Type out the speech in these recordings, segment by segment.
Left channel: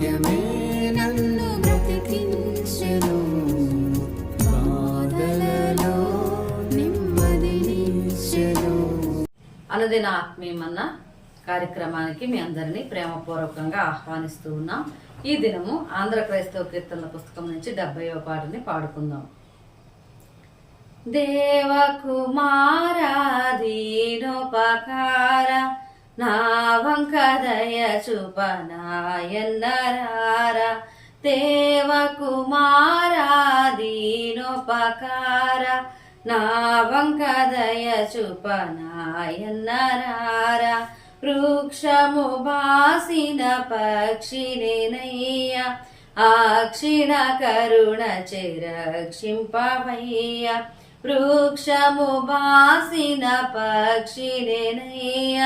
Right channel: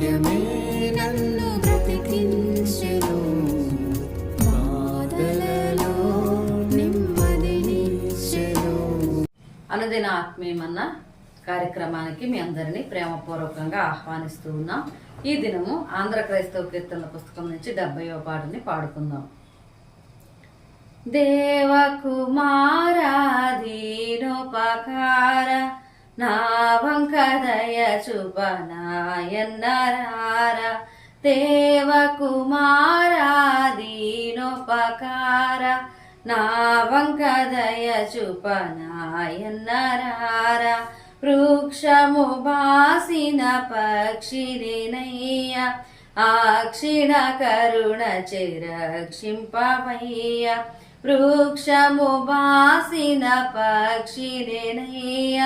వాక్యమే నన్ను బ్రతికించెను. బాధలలో నెమ్మదినిచ్చెను అనుదిన ఆత్మీయమన్న కార్యక్రమానికి మీ అందరినీ ప్రేమపూర్వకంగా ఆహ్వానిస్తూ ఉన్నాం. ఈ దినము ఆంధ్ర క్రైస్తవ కీర్తనల పుస్తకం నుంచి డెబ్బైవ పాటని పాడుకుందాం. దేవకుమారాధీనోపకార నా వంక దయ చూపనాయన్నరార దేవకుమారాధీనోపకార నా వంక దయ చూపనాయన్నరార వృక్షము బాసిన పక్షినేనయ్య ఆక్షిణ కరుణ చిరక్షింపవయ్య వృక్షము బాసిన పక్షినేనయ్య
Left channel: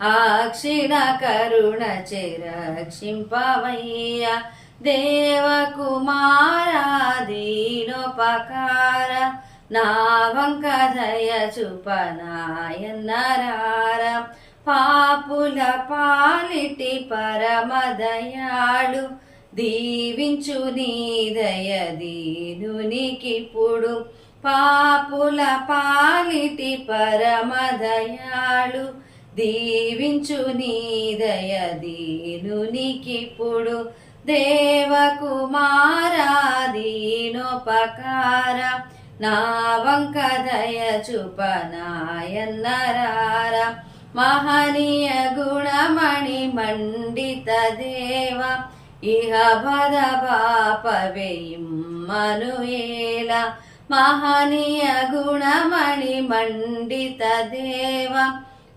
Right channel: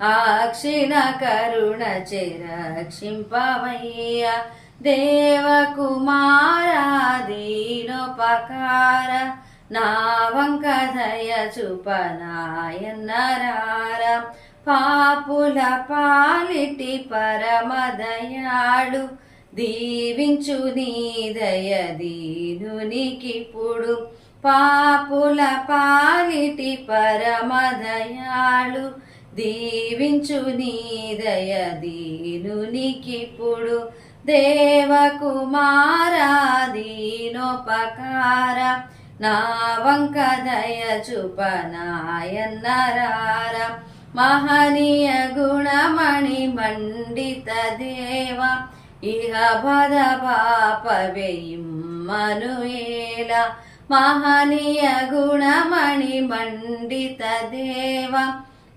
ఆక్షిణ కరుణ చిరక్షింపవయ్య దేవకుమారాధీనోపకార నా వంక దయ చూపనాయన్నరార పాపుల పాలిటి పరమదయాళు దీవించు నీ దయ దీనునికిప్పుడు పాపుల పాలిటి పరమదయాళు దీవించు నీ దయ దీనునికిప్పుడు దేవకుమారాధీనోపకార నా వంక దయ చూపనాయన్నరార. మహనీయ గుణమణి మండిత దేవ ఇహ భద పాపవేయిమ్మనుయేల మహనీయ గుణమణి మండిత దేవ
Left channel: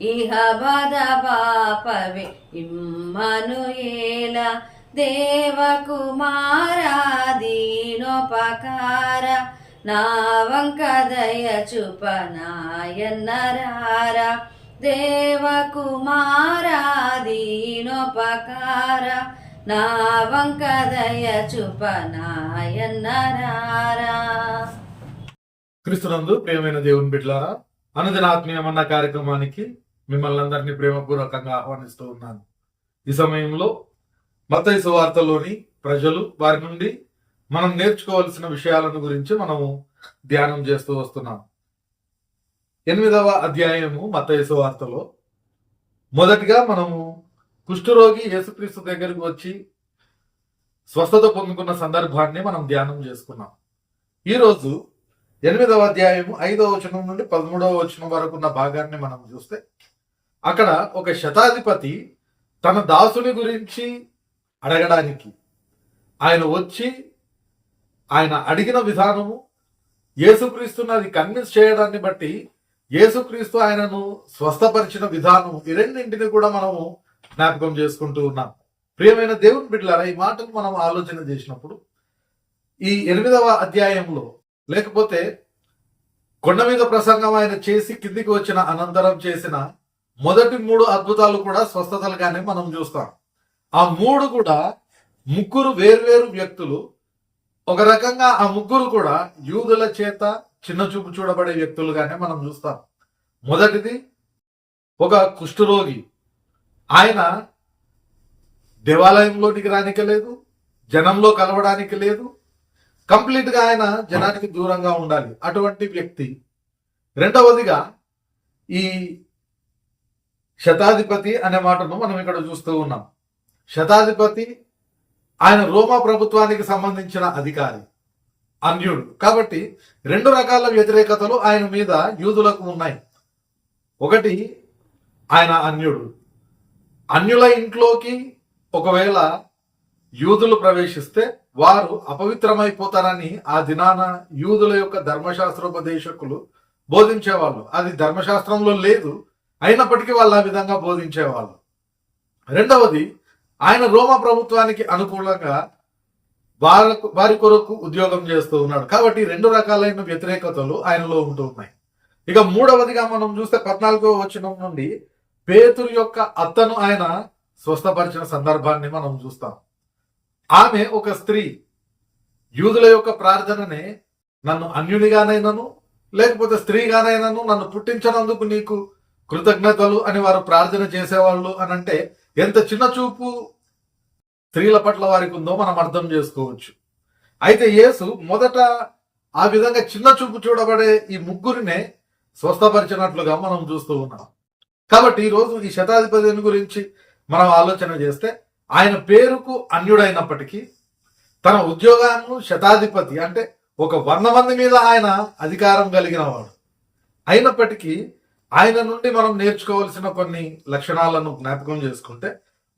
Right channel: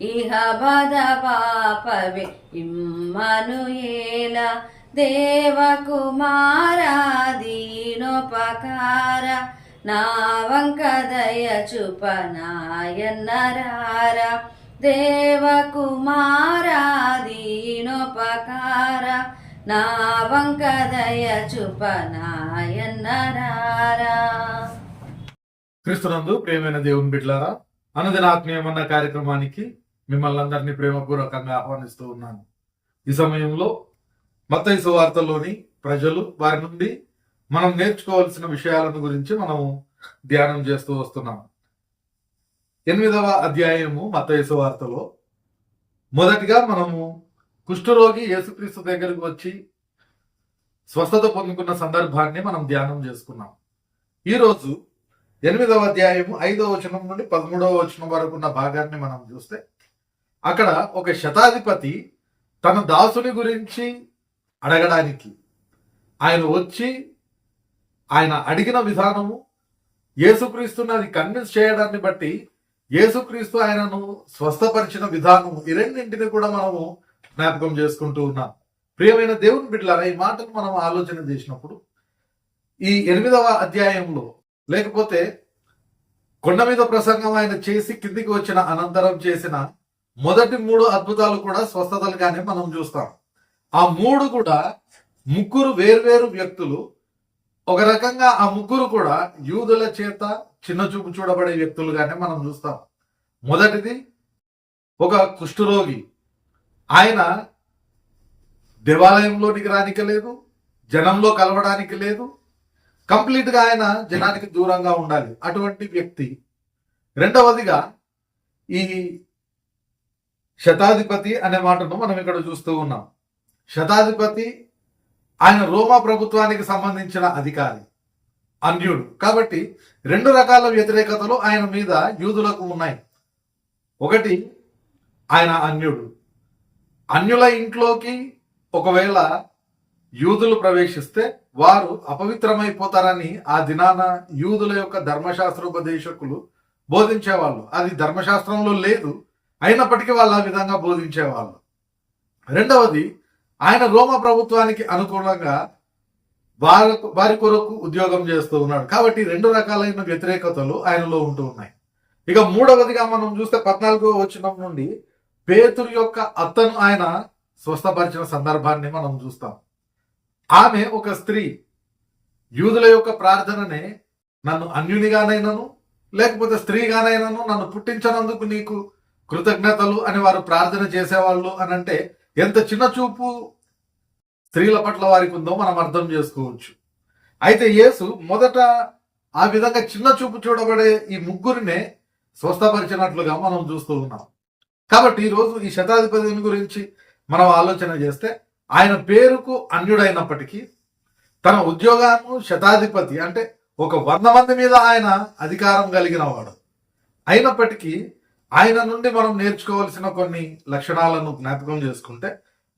ఇహ బద పాపవే ఇమ్మనుయేల దేవకుమారాధీనోపకార నా వంక దయ చూపనాయన్నరార దేవకుమారాధీనోపకార నా వంక దయ చూపనాయన్నరార. క్రీస్తునందు ప్రియమైన దేవుని బిడ్లారా అనదినాత్మీయమన్న కార్యక్రమానికి మిమ్మల్ని అందరినీ ప్రేమపూర్వకంగా ఆహ్వానిస్తూ ఉన్నాను. ఈ సమయంలో మత్తయి వార్తలోని ప్రజలు వారి నుండి మనం నేర్చుకోవాల్సిన విషయాలను గురించి మనము ధ్యానం చేస్తూ వస్తున్నాం. ఎనిమిదవ అధ్యాయము మత్తయి వార్తలో మొదటిగా మనము కుష్ఠరోగి యేసుక్రీస్తు దగ్గరికి వచ్చి స్వస్థత పొందుకున్న సందర్భాన్ని మనం ధ్యానం చేసుకున్నాం. ఈరోజు ఎనిమిదవ అధ్యాయము ఐదవ వచనం నుండి పదమూడవ వచనం వరకు ఉన్న భాగాన్ని మనం చూస్తే అక్కడ ఒక శతాధిపతి తన దాసుని గురించి అడగడానికి. ఆయన వచ్చి ఆయన అడిగిన విధానము యేసుక్రీస్తుని అది కన్విన్స్ చేయడాన్ని బట్టి యేసుక్రీస్తు ఆయనను స్వస్థపరిచిన విధానం ఈ రెండింటిని కూడా మనము జ్ఞాపకం చేసుకుంటూ ఉన్నాం. ప్రియమైన దేవుని బిడ్డలారా ఈ మాటలు మనం ఆలోచన చేసినప్పుడు ఈ ఎనిమిదవ అధ్యాయంలో లేకపోతే కొండ మీద ప్రసంగం ఆయన చేసి కిందికి వచ్చిన అనంతరం చేసిన మొదటి మూడు అద్భుతాలు కూడా స్వస్థతలుగానే మనం చూస్తాం. ఆ మూడు కూడా ముగ్గురు వేర్వేరు వ్యక్తులు ఒక రకంగా ఆ ముగ్గురు కూడా యూదుల చేత చిన్న చూపు చూడబడే వ్యక్తులుగానే మనం చూస్తాం. మొదటిది ఒక కుష్ఠరోగి. ఆయన దేవాలయంలోనికి రానికి లేదు జనంలో కలవడానికి లేదు కంప్లీట్గా ఆయన జనానికి దూరంగా ఉండాలి అటువంటి వ్యక్తి. రెండవదిగా ఈ శతాధిపతి అనే మాటను మనం ఇక్కడ చూస్తూ ఉన్నాం. శతాధిపతి ఆయన రోమా ప్రభుత్వానికి సంబంధించిన అధికారి అన్యుడు. కాబట్టి రెండు రకాల వ్యతిరేకతలు ఆయన మీద యూదులకు ఉన్నాయి. ఒకటి ఆయన అన్యుడు. అన్యుల ఇంట్లోకి ఒకవేళ యూదులు ప్రవేశిస్తే వారు అపవిత్రమైపోతారని ఆ దినాన యూదుల యొక్క ధర్మశాస్త్రోపదేశకులు బోధించేవాళ్ళు. అది ధర్మశాస్త్రంలో లేదు అయినప్పటికీ వాళ్ళు ఆ విధంగా బోధించేవాళ్ళు. రెండవది ఆయన రోమా ప్రభుత్వానికి అనుకూలంగా వారి వారి కొరకు ఉద్యోగం చేస్తూ ఉన్నాడు. కాబట్టి రెండు రకాలైన వ్యతిరేకతలు ఆయనలో ఉంటూ ఉన్నాయి. ఇక మూడవదిగా మనం చూస్తే పద్నాలుగో వచనం నుండి పేతురు యొక్క అత్తను ఆయన స్వస్థపరిచిన సందర్భాన్ని మనం చూస్తాం. ఆమె ఒక స్త్రీ. యూదుల యొక్క ప్రార్థననే నన్ను అన్యునిగానైనను లేకపోతే స్త్రీగానైనను నన్ను పుట్టించనందుకు నీకు కృతజ్ఞతలు అని వారు ప్రార్థన చేసేవాళ్ళు అని అంటే ఎంత చిన్న చూపు స్త్రీల పట్ల వారికి ఉందో మనం అర్థం చేసుకోవచ్చు. అయితే యేసు మొదట ఆ విధంగా చిన్న చూపు చూడబడే ఈ ముగ్గురినే స్వస్థపరిచినట్లుగా మనం చూస్తూ ఉన్నాం. కాబట్టి ఈరోజు ఈ శతాధిపతిని గురించి మనం ఆలోచన చేస్తే ఆయన పేరుకు అన్యుడైనప్పటికీ తన ఉద్యోగాన్ని శతాధిపతి అంటే ఒక వంద మంది మీద ఆయన అధికారం కలిగిన వాడు. అయినప్పటికీ ఆయన నుండి మనం నేర్చుకోవాల్సిన కొన్ని లక్షణాలను జ్ఞాపకం చేసుకుంటే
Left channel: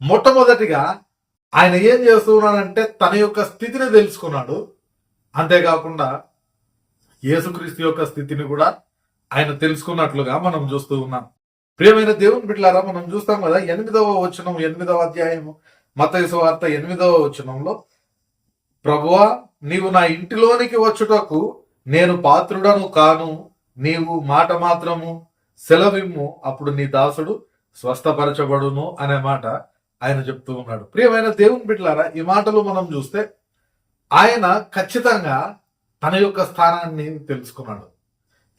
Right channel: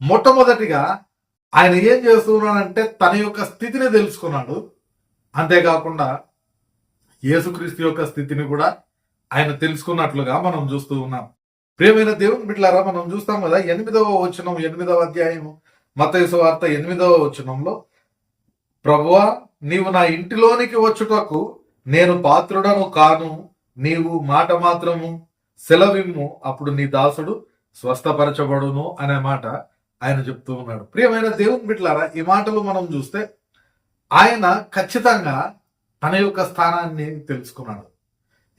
మొట్టమొదటిగా ఆయన ఏం చేస్తున్నాడంటే తన యొక్క స్థితిని తెలుసుకున్నాడు. అంతేకాకుండా యేసుక్రీస్తు యొక్క స్థితిని కూడా ఆయన తెలుసుకున్నట్లుగా మనం చూస్తూ ఉన్నాం. ప్రియమైన దేవుని బిడ్డలారా మనం చూస్తాం కదా ఎనిమిదవ వచనం ఎనిమిదవ అధ్యాయము మతయసు వార్త ఎనిమిదవ వచనంలో ప్రభువా నీవు నా ఇంటిలోనికి వచ్చుటకు నేను పాత్రుడను కాను నీవు మాట మాత్రము సెలవిమ్ము అప్పుడు నీ దాసుడు స్వస్థపరచబడును అనే మాట ఆయన చెప్తూ ఉన్నాడు. ప్రియమైన దేవుని బిడ్లారా ఈ మాటలు మనం చూస్తే ఆయన ఖచ్చితంగా తన యొక్క స్థానాన్ని తెలుసుకున్నాడు.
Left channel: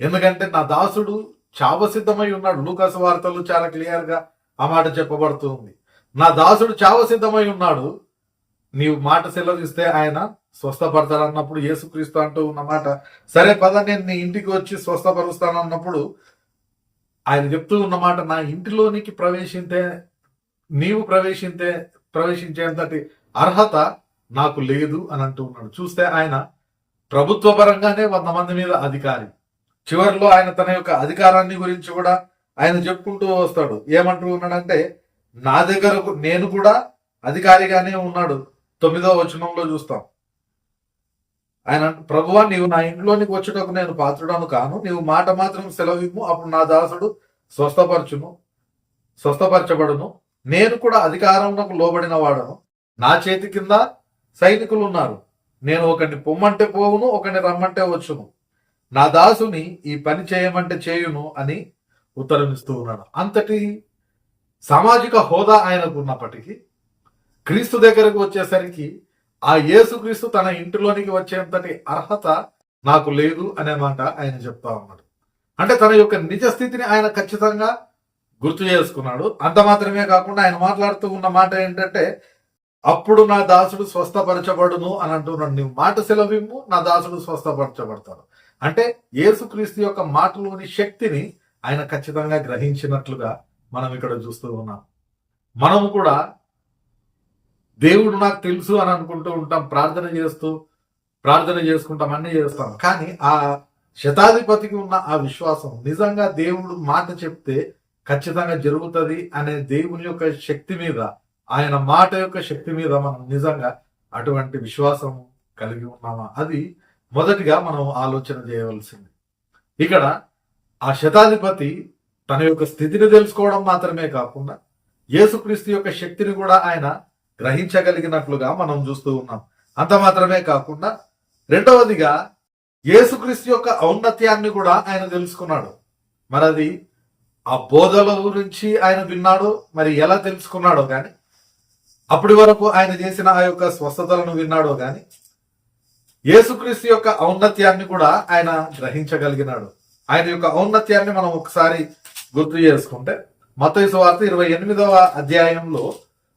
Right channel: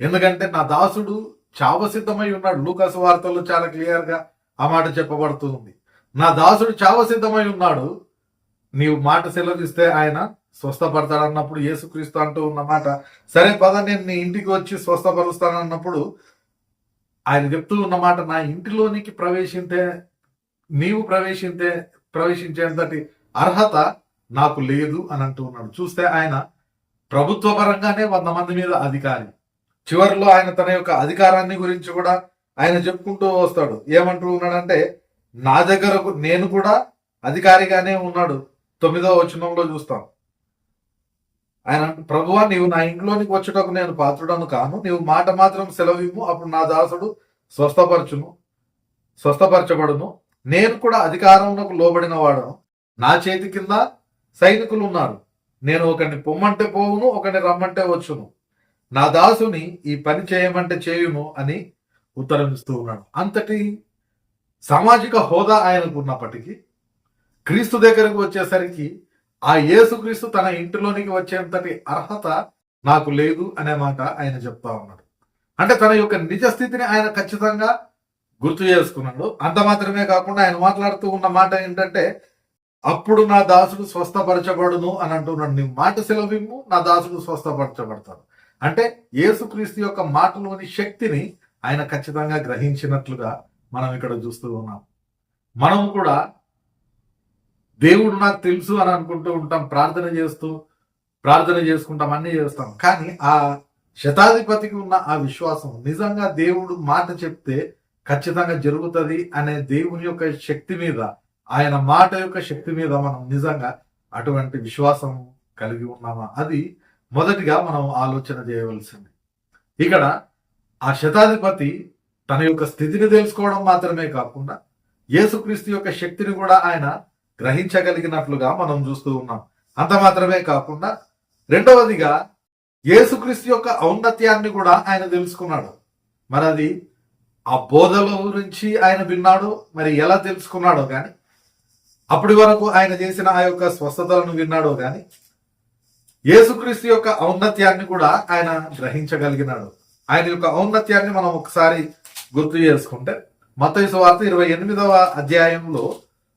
ఎందుకంటే నా దాసుడు చావసిద్ధమై ఉన్నాడు. లూకాస్ వార్తల్లో చాలా క్లియర్గా ఆ మాట చెప్పబడుతుంది నా దాసుడు చావసిద్ధమై ఉన్నాడు. నీవు మాట సెలవిస్తే ఆయన స్వస్థపడతాడు అన్నప్పుడు యేసుక్రీస్తు అంటూ ఉన్న మాట సరే పద నేను నీ ఇంటికి వచ్చి స్వస్థపరుస్తాను అన్నప్పుడు ఆయన చెప్తూ ఉన్న మాట నా ఇంటిలోనికి ప్రవేశింతే నీవు ప్రవేశింతే ప్రవేశించేంతటి అర్హత నాకు లేదు అని అంటూ ఉన్నాడు. చూస్తే ఆయన ప్రభుత్వ పరంగానే వంద మంది మీద అధికారి. చివరిలో ఆయన తన యొక్క అధికారాన్ని గురించి కూడా ఆయన చెప్పుకుంటూ వస్తాడు. ఏమంటూ ఉన్నాడంటే నా దగ్గరకు నేను కూడా అధికారిగానే ఉన్నాడు. తొమ్మిదవ వచనంలో చూస్తాం. ఆయన ప్రభువా నీవు నా ఇంట్లోనికి వచ్చుటకు నేను పాత్రుడను కాను. నీవు మాట మాత్రం సెలవిమ్ము. అప్పుడు నా దాసుడు స్వస్థపరచును స్వస్థపరచబడును. నేను కూడా అధికారంలోకి లోబడిన వాడను నా చేతి కింద సైనికులు ఉన్నారు నేను ఒకరిని పొమ్మంటే పోవును ఒకరిని రమ్మంటే వచ్చును. నా దాసుని ఈ పని చేయమంటే చేయును అని ఉత్తరం ఇస్తూ ఉన్నాడు. అంతటి సామాజిక హోదా ఆయనకు ఉన్నప్పటికీ క్రీస్తు దగ్గరకు వచ్చేసరికి ఆ యేసుక్రీస్తు తన ఇంటిలోనికి వచ్చేంతటి అర్హత నాకు లేదు అనే మాట ఆయన చెప్తా ఉన్నాడు. అంటే తన యొక్క నిజ స్థితిని ఆయన ఖచ్చితంగా గుర్తు చేసుకున్నాడు. అంత మాత్రమే కాకుండా ఆయన మాట్లాడుతూ ఉన్న మాట ఏంటంటే అప్పుడు నా దాసుడు స్వస్థపరచబడును అని అంటున్నాడు. నీ మాట సెలవిమ్ము నా దాసుడు స్వస్థపరచబడతాడు. అంటే యేసుక్రీస్తు యొక్క మాటలోని శక్తిని ఆయన ఖచ్చితంగా గ్రహించినట్లుగా మనం ఇక్కడ చూస్తూ ఉన్నాం. మనము కూడా దేవుడు నాకు తెలుసు అని అనుకుంటూ ఉంటాం ప్రార్థన చేస్తూ ప్రార్థన చేసుకుంటాం అన్ని చేస్తాం. కానీ ఆ శతాధిపతికి ఉన్న ఆ విశ్వాసం నిజంగా దేవుడు మాట చెప్తే ఖచ్చితంగా జరుగుతుంది అనే దేవుని యొక్క శక్తి మీద ఆయన మాట యొక్క శక్తి మీద మనం నిజంగా అటువంటి విశ్వాసం కలిగి ఉన్నామా? అది మొదటిగా మనం ఆలోచన చేయవలసింది. ఇక్కడ ఆ శతాధిపతి తన యొక్క స్థితిని తెలుసుకోవడం మాత్రమే కాకుండా యేసుక్రీస్తు యొక్క శక్తిని కూడా ఆయన గ్రహించగలిగినట్లుగా మనం చూస్తూ ఉన్నాం. అంత మాత్రమే కాకుండా రెండవదిగా యేసుక్రీస్తు యొక్క ఔన్నత్యాన్ని కూడా ఆయన తెలుసుకున్నాడు. మరి అది ఆ బోధల గురించి ఆయన విన్నాడో మరి ఎలా తెలుసుకున్నాడో కానీ అప్పటి వరకు ఆయన చేసిన ఆ యొక్క స్వస్థతలను విన్నాడో కానీ యేసుక్రీస్తు యొక్క ఔన్నత్యాన్ని కూడా ఆయన గ్రహించగలిగినాడు. ఆయన యొక్క ఔన్నత్యాన్ని మనం ఒకసారి గుర్తు చేసుకుంటే మత వార్త ఇరవై ఎనిమిదవ అధ్యాయంలో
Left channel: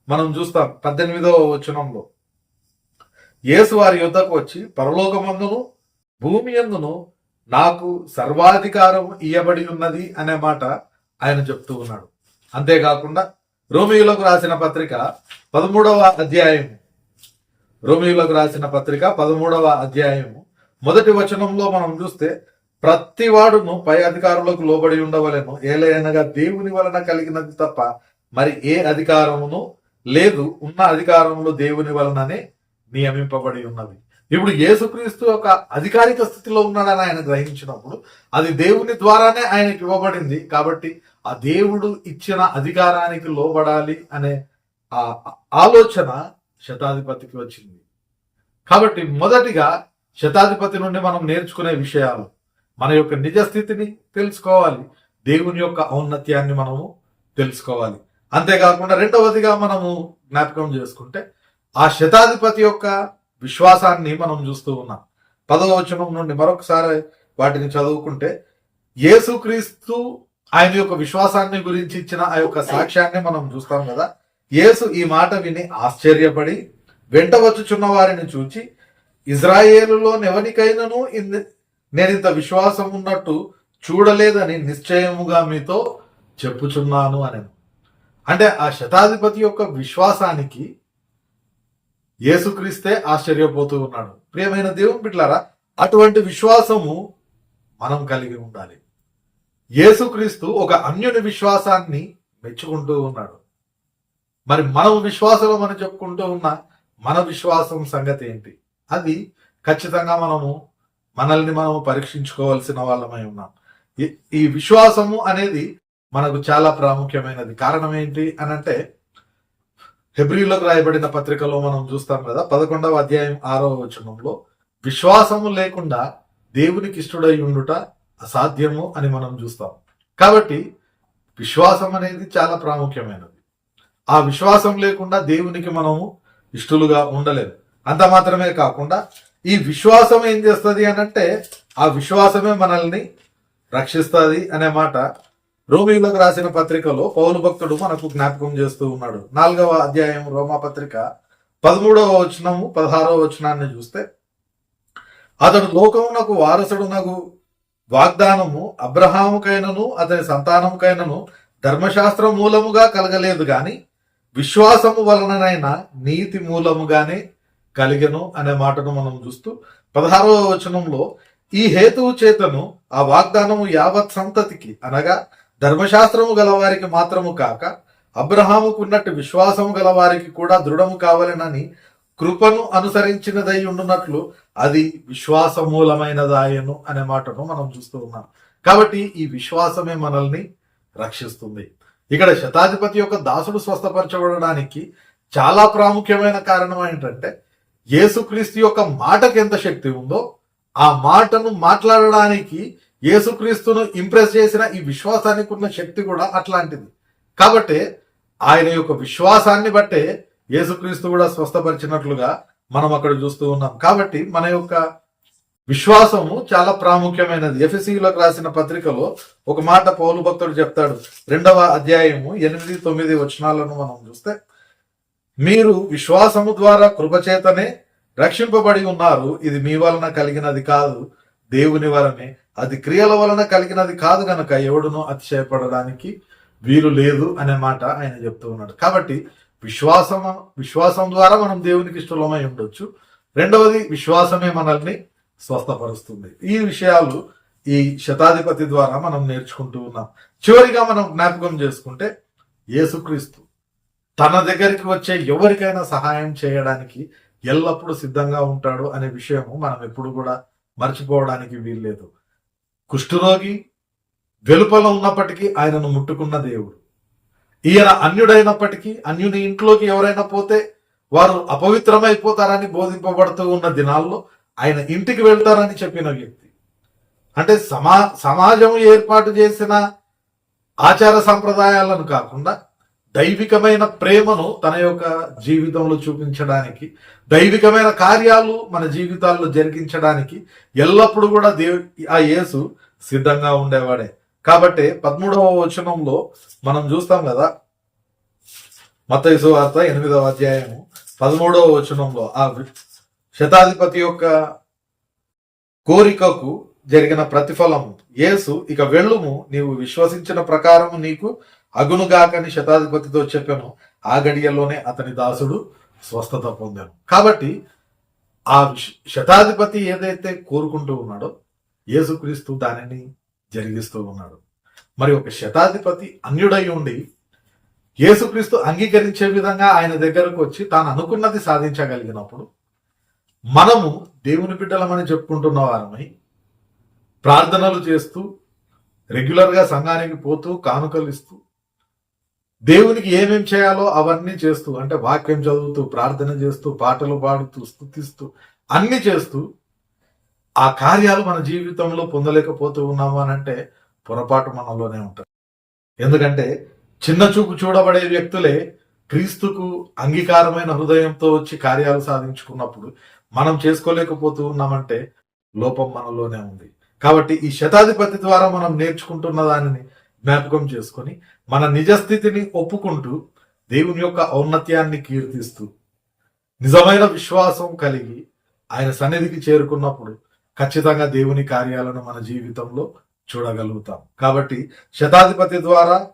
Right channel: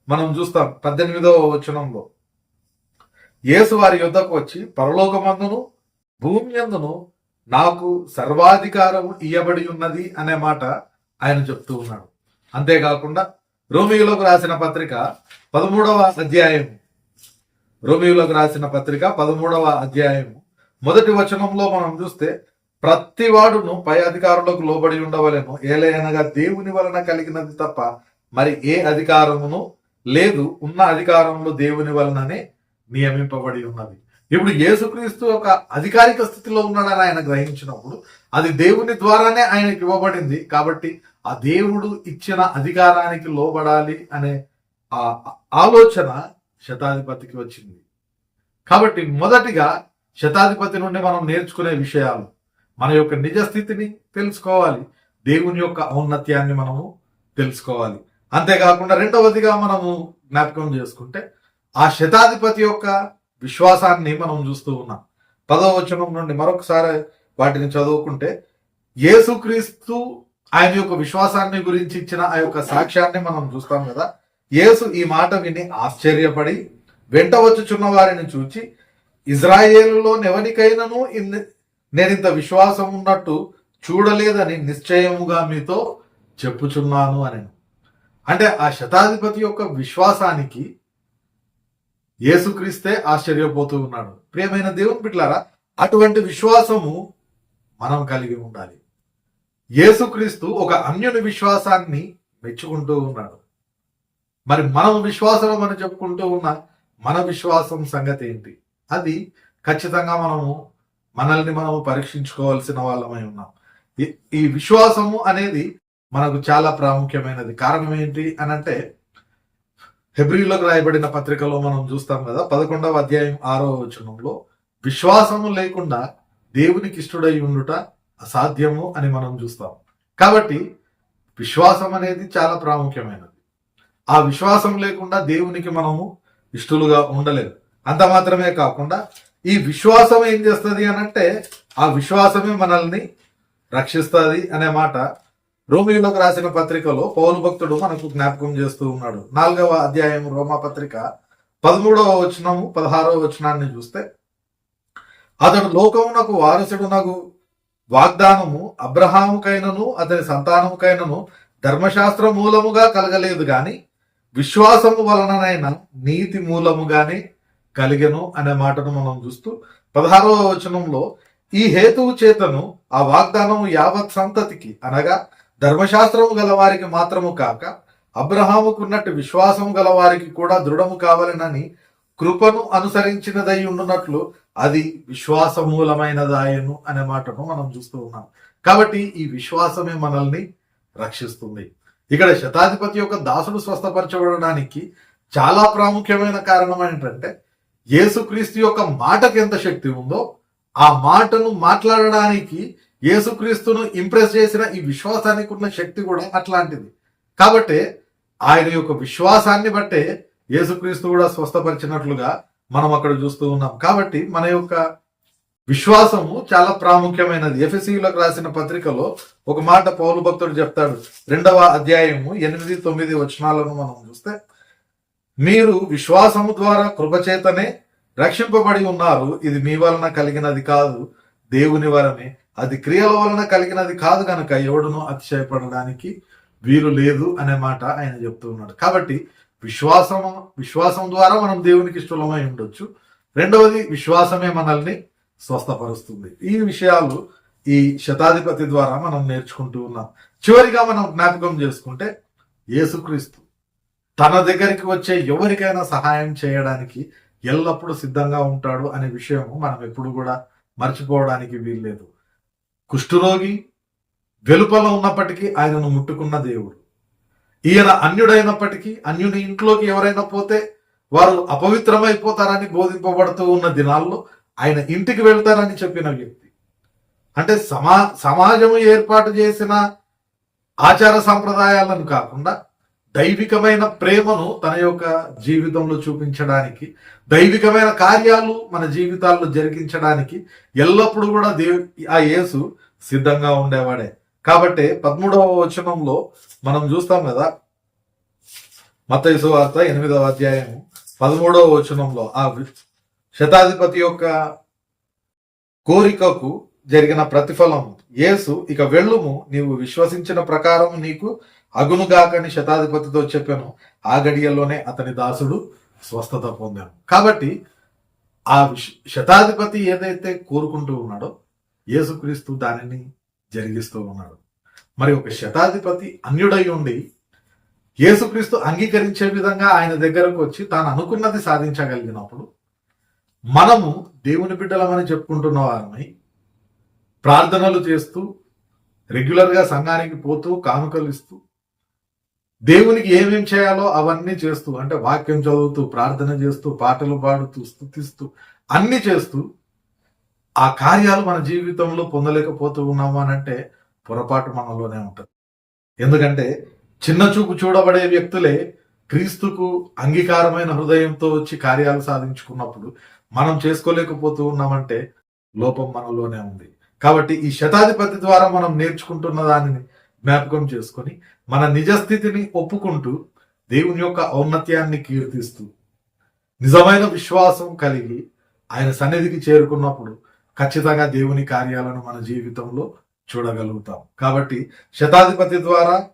మనం చూస్తాం పద్దెనిమిదవ వచనంలో. యేసు వారి యుద్ధకు వచ్చి పరలోకమందును భూమి అందును నాకు సర్వాధికారం ఇయ్యబడి ఉన్నది అనే మాట ఆయన చెప్తూ ఉన్నాడు. అంతేకాకుండా రోమియోలకు రాసిన పత్రిక పదమూడవ అధ్యాయము. రోమియోలకు రాసిన పత్రిక పదమూడవ అధ్యాయము. మొదటి వచనంలో మనం చూస్తే ప్రతివాడును పై అధికారులకు లోబడి ఉండవలను ఏలయనగా దేవుని వలన కలిగినది తప్ప మరి ఏ అధికారమును లేదు ఉన్న అధికారంలో దేవుని వలననే నియమింపబడి ఉన్నది. ఇప్పుడు యేసుక్రీస్తు ఒక అధికారిక స్థితిలో ఉన్నాడని ఆయన గ్రహించినప్పుడు అది దేవుని ద్వారానే ఆయనకి ఇవ్వబడింది. కాబట్టి ఆ దేవుడు ఇచ్చిన అధికారానికి లోబడాలి అనే ఆ ఆలోచన శతాధిపతికి వచ్చింది. కాబట్టి మొదటిగా శతాధిపతి నుండి మనం నేర్చుకునే విషయాలు మన యొక్క నిజ స్థితిని తెలుసుకోవాలి. దేవుని యొక్క ఔన్నత్యాన్ని మనము తెలుసుకోవాలి. అంతేకాకుండా రెండవదిగా మనము జ్ఞాపకం చేసుకుంటే ఆ శతాధిపతి యొక్క విశ్వాసాన్ని మనం చూస్తూ ఉన్నాం. పదవ వచనం నుండి మరొకసారి వాటిని చదువుకుంటే యేసుక్రీస్తు ఆయన యొక్క విశ్వాసాన్ని గురించి ఇచ్చిన ఆ యొక్క సాక్ష్యాన్ని మనం చూస్తాం కదా. యేసు ఈ మాట విని ఆశ్చర్యపడి వెంట వచ్చుచున్న వారిని చూచి ఇజ్రాయేలులో ఎవరికైనాను నేను నేనింత విశ్వాసం ఉన్నట్టు చూడలేదని నిశ్చయముగా మీతో చెప్పుచున్నాను అని అంటే ఆ శతాధిపతి యొక్క విశ్వాసానికి యేసుక్రీస్తే ఆశ్చర్యపోతూ ఉన్నాడు. ప్రియమైన దేవుని బిడ్లారా అటువంటి విశ్వాసము మనం కలిగి ఉండాలి. యేసుక్రీస్తు ఒక అన్యుని విశ్వాసాన్ని మెచ్చుకుంటూ ఉన్నాడు. మరి మనం విశ్వాసం అని చెప్పుకుంటూ ఉన్న మన విశ్వాసం సంగతి ఏంటి? అది ఖచ్చితంగా మనము మనల్ని మనము పరీక్షించుకోవాల్సిన వాళ్ళమై ఉన్నాం. ఈ- ఈ విశ్వాసము అనేది మనకు చాలా ప్రాముఖ్యమైనది. కారణం ఏంటి అని అంటే హెబ్రిలకు రాయబడిన పత్రికలో మనం చూస్తాం కదా పదకొండవ అధ్యాయం ఆరో వచనంలో విశ్వాసము లేకుండా దేవునికి ఇష్టడై ఉండుట అసాధ్యము అని మనం చూస్తాం. కాబట్టి విశ్వాసం అనేది చాలా ప్రాముఖ్యమైనది. ఆ విశ్వాసం లేకుండా దేవునికి మనము ఇష్టలుగా ఉండలేము. అంత మాత్రమే కాకుండా ఈ విశ్వాసం ఏం చేస్తుంది అనంటే ఆ విశ్వాసమే మనల్ని రక్షిస్తుంది అనే మాట రోమిలకు రాసిన పత్రికలో పౌలు భక్తుడు మనకు జ్ఞాపకం చేస్తూ ఉన్నాడు. నాలుగవ అధ్యాయం రోమా పత్రిక పదమూడవ వచనము పదహారవ వచనాన్ని చూస్తే అతడు లోకమునకు వారసుడునగు వాగ్దానము అబ్రహాముకైనను అతని సంతానముకైనను ధర్మశాస్త్ర మూలముగా కలగలేదు గాని విశ్వాసము వలననైనా నీతి మూలముగానే కలిగెను అనే మాటను మనం చూస్తూ పదహారవ వచనంలో ఈ హేతువు చేతను ఆ వాగ్దానము యావత్ సంతతికి అనగా ధర్మశాస్త్రము గలవారికి మాత్రము కాక అబ్రహాముకున్నట్టు విశ్వాసము గలవారికి కూడా దృఢము కావాలనని కృపను అనుసరించినదై ఉండునట్లు అది విశ్వాసమూలమైనదాయను అనే మాటను మనం చూస్తూ ఉన్నాం. కాబట్టి ఈ విశ్వాసమే మనల్ని రక్షిస్తుంది. ఇక్కడ శతాధిపతి యొక్క దాసుడు స్వస్థపరచబడడానికి చాలా ప్రాముఖ్యమైన కారణం ఏంటంటే యేసుక్రీస్తు యొక్క మాటకి ఎంత శక్తి ఉందో ఆ మాటను మాట్లాడడానికి యేసుక్రీస్తును ఇంప్రెస్ చేసిన ఈ విశ్వాసానికి ఉన్న శక్తి కూడా అట్లాంటిది. కాబట్టి ఆయన యొక్క విశ్వాసాన్ని బట్టే యేసుక్రీస్తు కూడా స్వస్థపరిచినట్లుగా మనం అక్కడ చూస్తూ ఉన్నాం. కాబట్టి మన యొక్క విశ్వాసము చాలా ప్రాముఖ్యమైనది. ఎఫ్ఎస్సీలకు రాసిన పత్రికలో ఒక మాట పౌలు భక్తుడు చెప్తాడు. రెండవ అధ్యాయము ఎనిమిది తొమ్మిది వచనాలను మనం చూస్తే మీరు విశ్వాసము ద్వారా కృపచేతనే రక్షింపబడి ఉన్నారు. ఇది మీ వలన కలిగినది కాదు. దేవుని వలనే అది క్రియల వలన కలిగినది కాదు కనుక ఎవడును అతిశయపడడానికి వీలు లేదు అనే మాట ఆయన చెప్తూ ఉన్నాడు. కాబట్టి విశ్వాసం విశ్వాసం ద్వారా మనం దేవునికి ఇష్టలమై ఉండొచ్చు. రెండవది విశ్వాసమే మనల్ని స్వస్థపరుస్తుంది. ఈ విషయాలు ఈ శతాధిపతి ద్వారా మనం నేర్చుకుంటూ ఉన్నాం. చివరిగా మనం జ్ఞాపకం చేసుకుంటే యేసుక్రీస్తు తన దగ్గరికి వచ్చే ఎవరికైనా సహాయం చేయడానికి ఎల్లప్పుడూ సిద్ధంగా ఉంటాడు అనే విషయము మనం ఎప్పుడు కూడా మర్చిపోవడానికి వీల్లేదు. కుష్ఠరోగి వెలుపల ఉన్నప్పటికీ ఆయనను ముట్టుకున్న దేవుడు. ఈయన అన్యుడైనప్పటికీ అన్యుని ఇంట్లోకి ఎవరైనా పోతే వారు అపవిత్రమైపోతారని బోధింపబడుతూ ఉన్న దినాల్లో ఆయన ఇంటికి వెళ్తారని చెప్పిన వ్యక్తి. అంటే సమా సమాజం ఏర్పాటు చేసిన ఆచార సంప్రదాయాలను కాకుండా దైవికమైన ప్రేమను తన యొక్క జీవితంలో చూపించడానికి దైవికమైన కార్యాలు మన జీవితాల్లో జరిగించడానికి ఎల్లప్పుడూ కూడా దేవు ఆ యేసు సిద్ధంగా ఉండేవాడే. కాబట్టి పదమూడవ వచనంలో మనం చూస్తాం కదా మతయసు వార్త ఎనిమిదవ అధ్యాయము పదమూడవ వచనంలో ఆ శతాధిపతి యొక్క కోరికకు జరిగిన ప్రతిఫలం యేసు ఇక వెళ్ళుము నీవు విశ్వసించిన ప్రకారం నీకు అగునుగాకని శతాధిపతితో చెప్పాను. ఆ గడియల్లోనే అతని దాసుడు స్వస్థత పొందాను. కాబట్టి ఆ శతాధిపతి ఏదైతే కోరుకుంటూ ఉన్నాడో యేసుక్రీస్తు దానిని జరిగిస్తూ ఉన్నాడు. మరి ఒక శతాధిపతి అన్యుడై ఉండి యేసుక్రీస్తు అంగీకరించే విధంగా ఆయన దగ్గరకు వచ్చి తాను అనుకున్నది సాధించగలిగినప్పుడు మనము దేవుని బిడ్డలమని చెప్పుకుంటున్న వారమై ప్రార్థనలు చేస్తూ రెగ్యులర్గా సంఘానికి పోతూ కానుకలు ఇస్తూ దేవునికి ఏమేం చేయాలో అవన్నీ చేస్తూ అంటే వాక్యం చదువుతూ ప్రార్థన చేస్తూ పాటలు పాడుతూ స్థుతిస్తూ అన్ని చేస్తూ ఆ కార్యాలు మన జీవితంలో పొందలేకపోతూ ఉన్నాము అని అంటే పొరపాటు మనలోనే ఉంటుంది. ఎందుకంటే చిన్న చూపు చూడబడే వ్యక్తులే క్రీస్తుకు అంగీకారమైన హృదయంతో వచ్చి కార్యాలు సాధించుకున్నప్పుడు మనం చేసుకోలేకపోతూ ఉన్నామంటే లోపం మనలోనే ఉంది. కాబట్టి ఈ శతాధిపతి ద్వారా మనం నేర్చుకుంటున్న దానిని జ్ఞాపకం చేసుకొని మన నిజస్థితిని ఒప్పుకుంటూ దేవుని యొక్క ఔన్నత్యాన్ని కీర్తిస్తూ నిజమైన విశ్వాసం కలిగి ఆయన సన్నిధికి చేరుకున్నప్పుడు ఖచ్చితంగా దేవుని కార్యాలను మన జీవితంలో చూడగలుగుతాం. కాబట్టి శతాధిపతి ద్వారా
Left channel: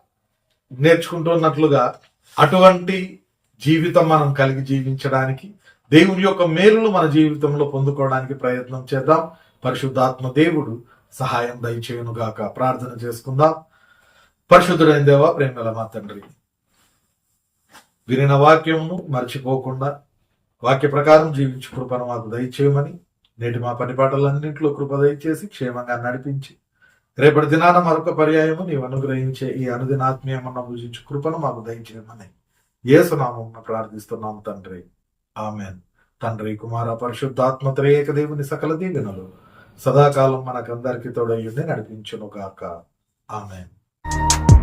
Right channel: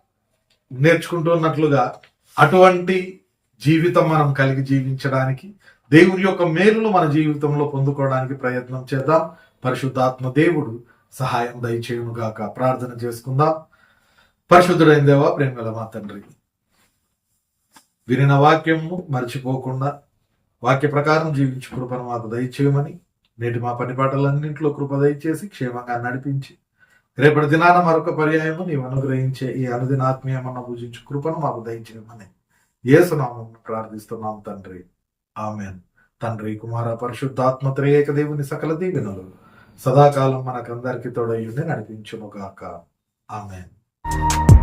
నేర్చుకుంటున్నట్లుగా అటువంటి జీవితం మనం కలిగి జీవించడానికి దేవుని యొక్క మేలును మన జీవితంలో పొందుకోవడానికి ప్రయత్నం చేద్దాం. పరిశుద్ధాత్మ దేవుడు సహాయం దయచేయునుగాక. ప్రార్థన చేసుకుందాం. పరిశుద్ధుడైన దేవా ప్రేమల మా తండ్రి. వినిన వాక్యమును మర్చిపోకుండా వాక్య ప్రకారం జీవించు కృపను మాకు దయచేయమని నేటి మా పని పాటలన్నింటిలో కృప దయచేసి క్షేమంగా నడిపించి రేపటి దినాన మరొక పర్యాయము నీవు అనుగ్రహించే ఈ అనుదిన ఆత్మీయమన్న పూజించు కృపను మాకు దయచేయమని ఏసునామం ప్రార్థిస్తున్నాం తండ్రి. ఆమెన్. తండ్రి కుమార పరిశుద్ధాత్మ త్రేయక దేవుని సకల దీవెనలు సదాకాలం మనకందరికీ తోడయ్యుండి నడిపించును ఆమెన్. ఆమెన్